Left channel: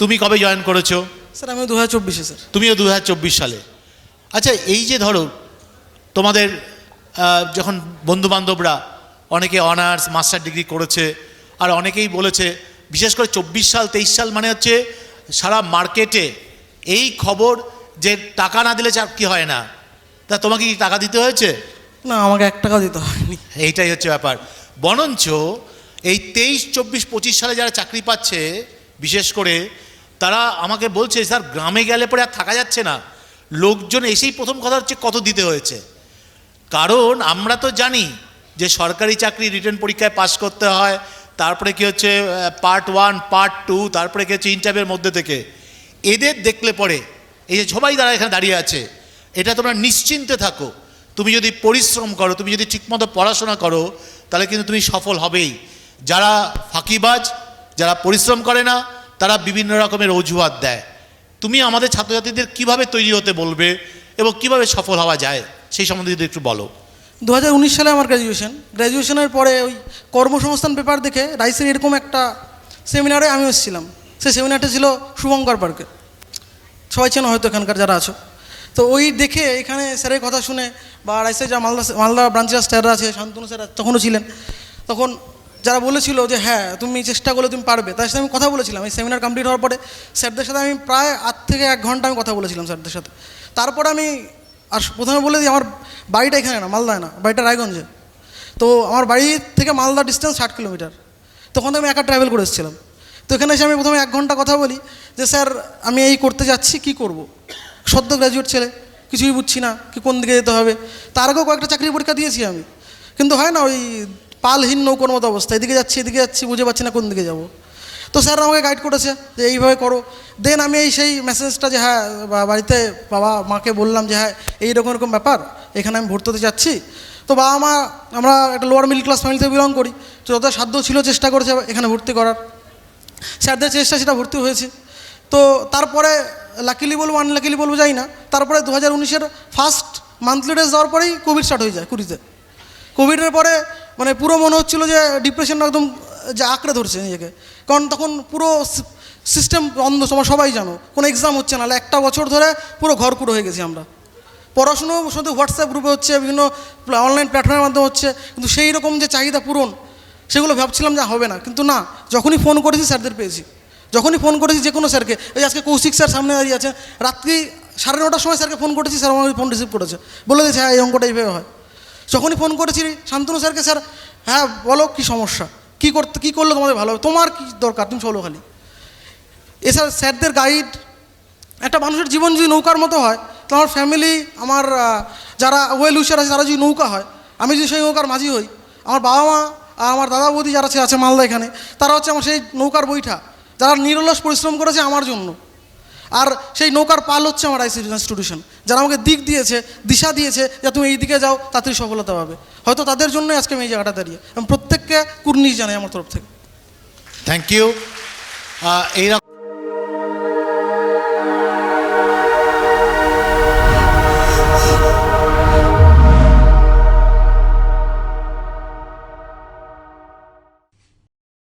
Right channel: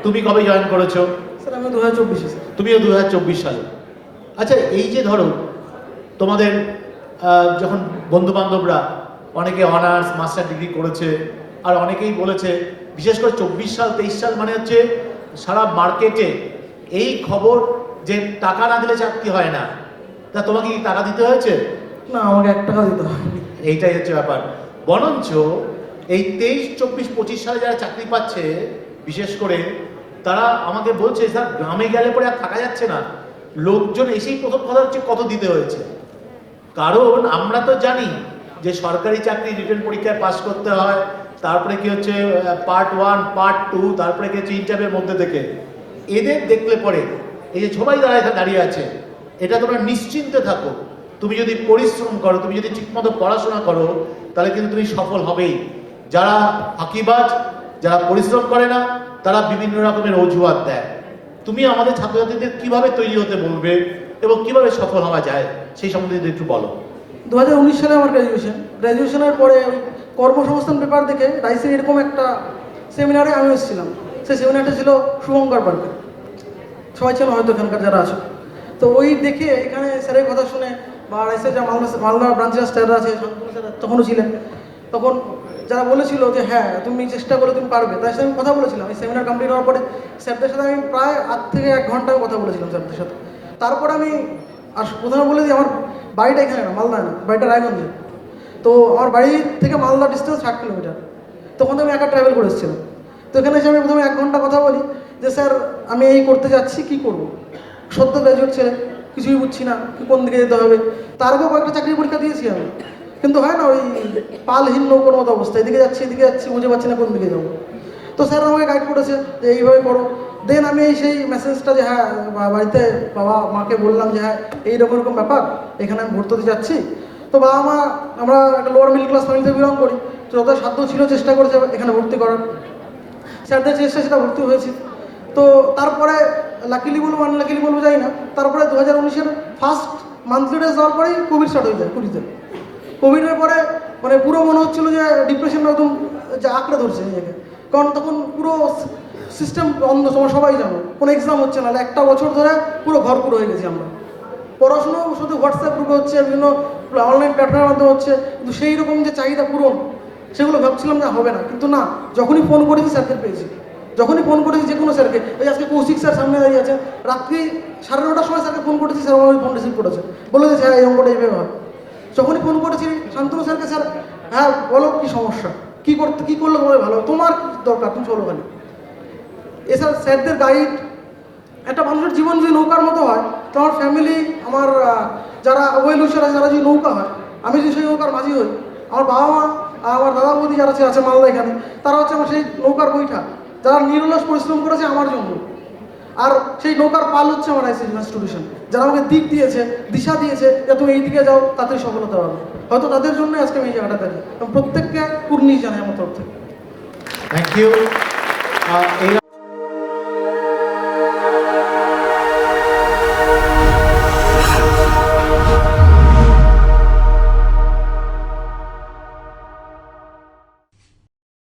তুমি কবে জয়েন করেছ? স্যার আমি দু হাজার চব্বিশে স্যার। তুমিও দু হাজার চব্বিশ সালে। আচ্ছা এই যে ধরো তোমাদের যখন বন্ধুবান্ধবরা অনেকে অনার্স মাস্টার ডিগ্রি করেছে আর অনেকেই বলেছে বিশেষ করে চব্বিশ সাল তেইশ সাল মানে হচ্ছে সারা মার্কেটে এই খবর যে টাকা না দিলে চাকরি হয় না? তা তোমাকে কি টাকা দিতে হয়েছে? না আমাকে এক টাকা দিতে হয়নি। এইটাই হচ্ছে ব্যাপার। বরঞ্চ এই তেইশ চব্বিশ পঁচিশ সালে যারা চাকরি পাচ্ছে বিশেষ করে তারা আমাকে বলছে, স্যার, গ্রামে গেলে পরে আর থাকা যাচ্ছে না। লোকজন এসেই প্রথম কথা হচ্ছে কত দিতে হয়েছে? কারণ আমরা তো জানি যে সরকারি চাকরি রিটার্ন পরীক্ষায় পাশ করতে হয়, তারপরে কি হচ্ছে পার্ট ওয়ান পার্ট টু তারপরে কি হচ্ছে ইন্টারভিউর মধ্যে থেকে। এদের দেখলে পরে এই যে সবাই তারা দাঁড়িয়ে আছে, এটা তোমরা নিশ্চিন্তে থাকো। তুমি যদি পরিশ্রম করো, তুমি যদি ঠিকমতো পড়াশোনা করো, তাহলে কিন্তু তুমি সফল হবেই। যারা ফাঁকিবাজ যারা পরিশ্রম করে না, তারা বিভিন্ন রকমের অজুহাত দেয়। তুমি আমাদের ছাত্রছাত্রীদের কীভাবে তৈরি হতে বলবে এবং কীভাবে সফল হওয়া যায়, সেই সম্বন্ধে যদি একটু বলো। দু হাজার উনিশ সালে আমার গ্র্যাজুয়েশন গ্র্যাজুয়েশনের পরে ওই কর্মসংস্থান পেপার দেখে রাইসের এরকম একটা সেমিনারে আমি এসেছিলাম। সেই সেমিনারটা ছিল শুভঙ্কর পার্কে সবাই চেন হয়তো এখানকার যারা আছো। তো ওই দেখে এখানে স্যারের কথা শুনে বা রাইসের যা মালদা মালদা ব্রাঞ্চের স্যাররা আছে শান্তনু স্যার তখনও ছিলেন। তখন যারা বলেছিল যে হ্যাঁ তুমি চেষ্টা করলে তুমি পারবে তার সাথে আমি কথা বলেছিলাম। এই সেমিনার কমপ্লিট হওয়ার পরে স্যারদের সাথে আমি প্রায় আট থেকে এক ঘণ্টা আমি কথা বলেছিলাম স্যারদের সাথে। তারপর আমি আর প্রথমে বলে দিই, আমার বাড়িটা এখানে না, মালদা না, বাড়িটা রায়গঞ্জে তো আমার বাড়ি থেকে মালদা ডিস্টেন্স ষাট কিলোমিটার তখন আমি একা ট্রাভেল করে এসেছিলাম। তো এখানে এসে আমি প্রথমে এক ঘণ্টা কথা বলি যে, স্যার, আমি এই করতে যাচ্ছি, কি করব? সদ্য গ্র্যাজুয়েট ছেলে, কিছুই বুঝছি না, কি কোন দিকে যেতে হবে? তার আগেও কয়েকটা চাকরি পরীক্ষা দিয়েছি আমি। কিন্তু হয় না, ওই পালহীন নৌকোর মতো অবস্থা। এদিকে যাচ্ছি এদিকে যাচ্ছি বুঝে পাচ্ছি না কোন দিকে যাব। তো স্যার আমাকে গাইড করেছে যে এইভাবে করো। দেন আমি এই সেই মেসেজটা যে হ্যাঁ বাড়িতে বাবা মাকে বললাম যে হ্যাঁ এইরকম এরকম ব্যাপার, এখানে আমি ভর্তি হতে যাচ্ছি তো বাবা মা, আমরা একটা লোয়ার মিডল ক্লাস ফ্যামিলিতে বিলং করি। তো যত সাধ্য ছিল চেষ্টা করেছে এখানে ভর্তি করার। স্যারদের চেষ্টা সেটা ভর্তি হয়েছে। তো তারপরে লাকিলি বলব আনলাকিলি বলব, যাই না। তারপরে দু হাজার উনিশের ফার্স্ট মান্থলি ডেজ যাওয়ার পরেই কোভিড স্টার্ট হয়ে যায়, কুড়িতে। কোভিডের পরে মানে পুরো মনে হচ্ছিল যে ডিপ্রেশনটা একদম যে আঁকড়ে ধরছে নিজেকে। কারণ তখন পুরো সিস্টেম বন্ধ সময় সবাই জানো, কোনো এক্সাম হচ্ছে না। একটা বছর ধরে পুরো ঘর পুরো হয়ে গেছি আমরা। পড়াশুনো শুধু হোয়াটসঅ্যাপ গ্রুপে হচ্ছে, বিভিন্ন অনলাইন প্ল্যাটফর্মের মাধ্যমে হচ্ছে, কিন্তু সেই রকম যে চাহিদা পূরণ, সেগুলো ভাবছিলাম যে হবে না। কিন্তু না, যখনই ফোন করেছি, স্যারদের পেয়েছি। যখনই ফোন করেছি যে কোনো স্যারকে, এই আজকে কৌশিক স্যার সামনে দাঁড়িয়ে আছে, রাত্রি সাড়ে নটার সময় স্যারকে ফোন করেছি, স্যার আমার ফোন রিসিভ করেছে। বলে দিয়েছে হ্যাঁ এই অঙ্কটা এইভাবে হয়। যখনই ফোন করেছি শান্তনু স্যারকে, স্যার হ্যাঁ বলো কী সমস্যা? কী করতে, কী করলে তোমাদের ভালো? তোমার কী দরকার? তুমি চলো খালি। এছাড়া স্যারদের গাইড একটা মানুষের জীবন যদি নৌকার মতো হয়, তো আমার ফ্যামিলি আমার যারা ওয়েল উইশার আছে, তারা যদি নৌকা হয়, আমি যদি সেই নৌকার মাঝি হই, আমার বাবা মা আর আমার দাদা বৌদি যারা আছে মালদা এখানে, তারা হচ্ছে আমার সেই নৌকার বৈঠা। যারা নিরলস পরিশ্রম করেছে আমার জন্য। আর সেই নৌকার পাল হচ্ছে আমার আইসি ইনস্টিটিউশন যারা আমাকে দিক দিয়েছে, দিশা দিয়েছে, যে তুমি এই দিকে যাও তাদের সফলতা পাবে হয়তো তাদের জন্যই আজকে আমি এই জায়গাটা দাঁড়িয়ে। এবং প্রত্যেককে কুর্নিশ জানাই আমার তরফ থেকে। Thank you